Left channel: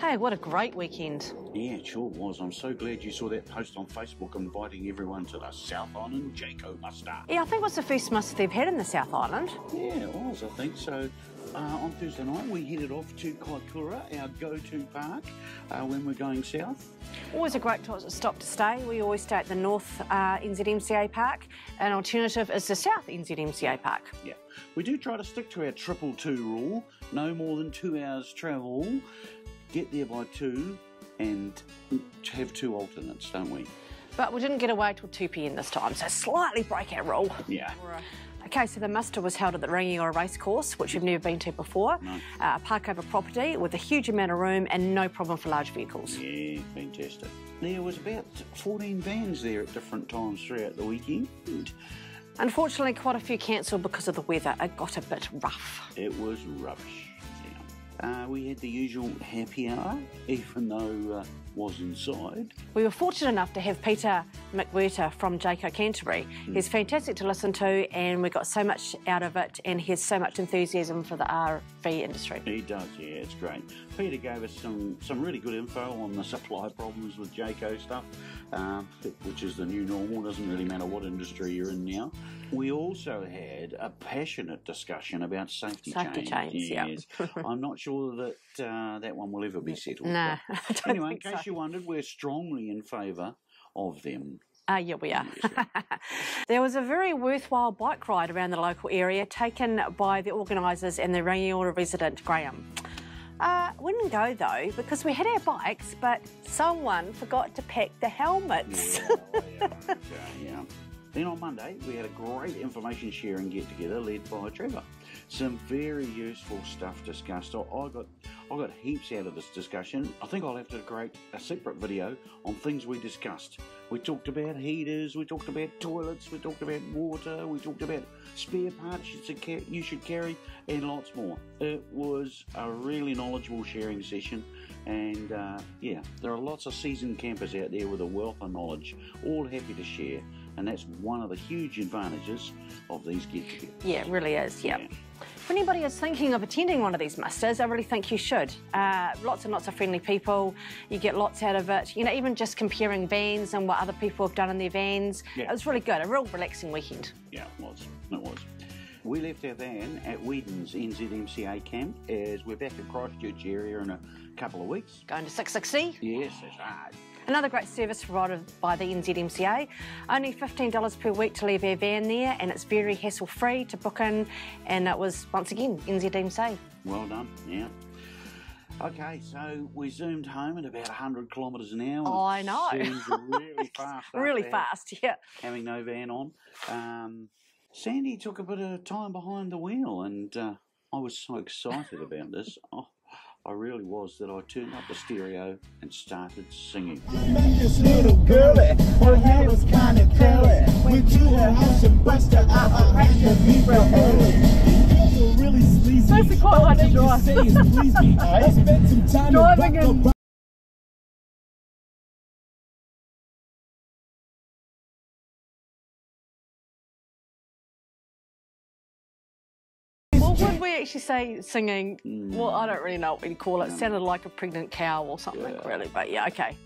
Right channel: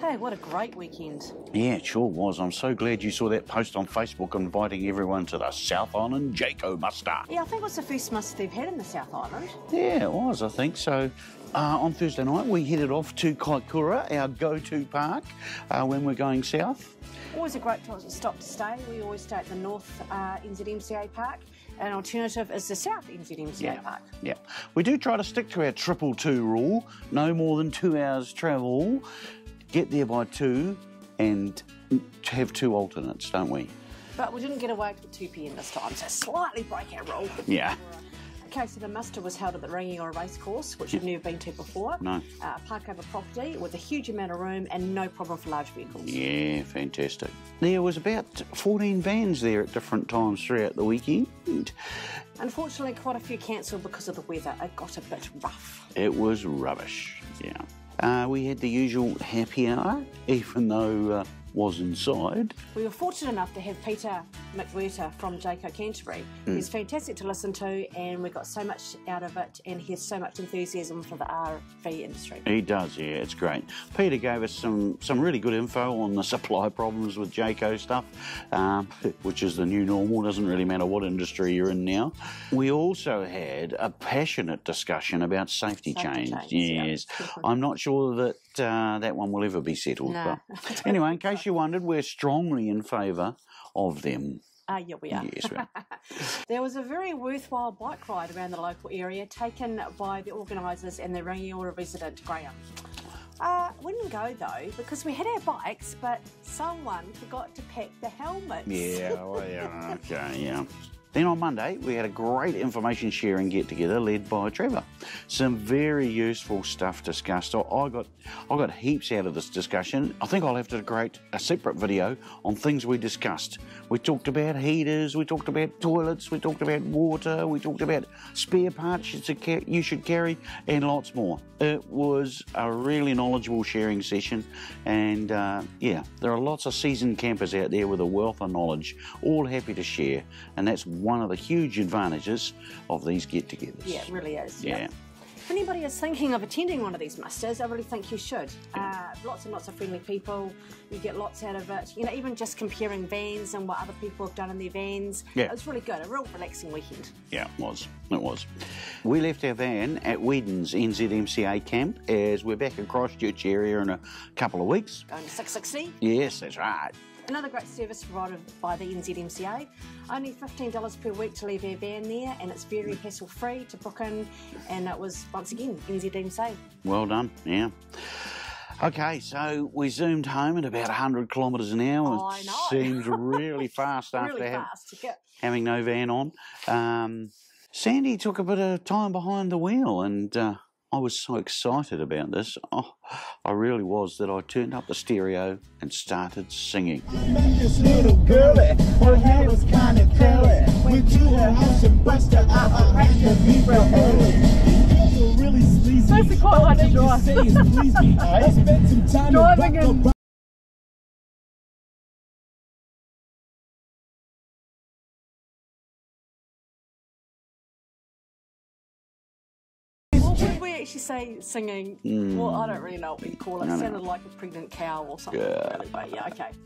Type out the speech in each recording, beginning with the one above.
Hey, what a great weekend. Yeah, it sure was. I'm so glad you saw that post on Facebook inviting everyone to the South Island Jayco muster. Yeah, I think it was the first muster they've had in the South Island. Yeah, it was, I think. So on Thursday night, we headed off to Kaikoura, our go-to park, when we're going south. Always a great stop to stay. We always stay at the North NZMCA Park. An alternative is the South NZMCA Park. Yeah, we do try to stick to our 222 rule, no more than 2 hours travel, get there by 2 and have 2 alternates, don't we? But we didn't get away till 2 p.m. this time, so slightly break our rule. Yeah. Okay, so the muster was held at the Rangiora Racecourse, which we've never been to before. No. A park over property with a huge amount of room and no problem for large vehicles. Yeah, fantastic. There was about 14 vans there at different times throughout the weekend. Unfortunately, quite a few cancelled because of the weather. It got a bit rough. It was rubbish, yeah. We had the usual happy hour, even though was inside. We were fortunate enough to have Peter McWhirter from Jayco Canterbury. He's fantastic to listen to and we got so much out of it and he has so much enthusiasm for the RV industry. He does, yeah, it's great. Peter gave us some really good info on the supply problems with Jayco stuff, which is the new normal, doesn't really matter what industry you're in now. We also had a passionate discussion about safety change. Yes. Yep. I'm not sure that that one will ever be settled. No. But anyway, in case you wondered, we're strongly in favour of them. Yeah, we are. Yes, right. There was a very worthwhile bike ride around the local area taken by the organisers and the Rangiora resident, Graham. We didn't go though because we had our bikes, but someone forgot to pack the helmets. Yeah, well, yeah, okay, yeah. Then on Monday, we had a great information sharing get-together led by Trevor. Some very useful stuff discussed. I got heaps out of this discussion. I think I'll have to create a separate video on things we discussed. We talked about heaters, we talked about toilets, we talked about water, we talked about spare parts you should carry, and lots more. It was a really knowledgeable sharing session, and yeah, there are lots of seasoned campers out there with a wealth of knowledge, all happy to share, and that's one of the huge advantages of these get-togethers. Yeah, it really is, yeah. If anybody is thinking of attending one of these musters, I really think you should. Lots and lots of friendly people, you get lots out of it. You know, even just comparing vans and what other people have done in their vans. Yeah. It was really good, a real relaxing weekend. Yeah, it was. It was. We left our van at Whedon's NZMCA camp as we're back in Christchurch area in a couple of weeks. Going to 660? Yes, that's right. Another great service provided by the NZMCA. Only $15 per week to leave our van there and it's very hassle-free to book in and it was, once again, NZMCA. Well done, yeah. Okay, so we zoomed home at about 100 kilometres an hour. Oh, I know. Seemed really fast after really fast, yeah. having no van on. Sandy took a bit of time behind the wheel and I was so excited about this. Oh, I really was that I turned up the stereo and started singing. Met this little girlie, her hair was kind of curly. Went to her house and busted out a rack of me real early. Really sleazy. That's quite hard to drive. I spent some time driving in. Actually say singing, well, I don't really know what we'd call it. It sounded like a pregnant cow or something, really, but yeah, okay.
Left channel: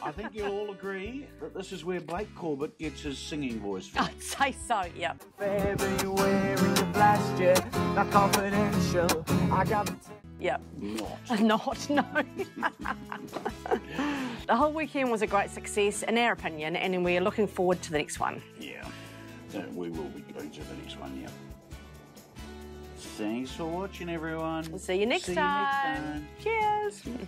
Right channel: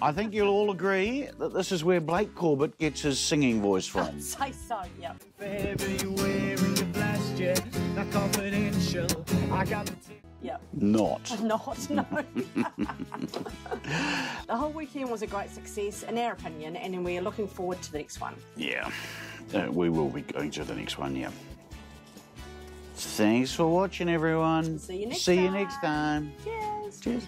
I think you'll all agree that this is where Blake Corbett gets his singing voice from. I'd say so, yeah. February of last year, not confidential. I got Yep. Not. Not, no. The whole weekend was a great success, in our opinion, and we're looking forward to the next one. Yeah, we will be going to the next one, yeah. Thanks for watching, everyone. See you next time. See you next time. Cheers. Cheers.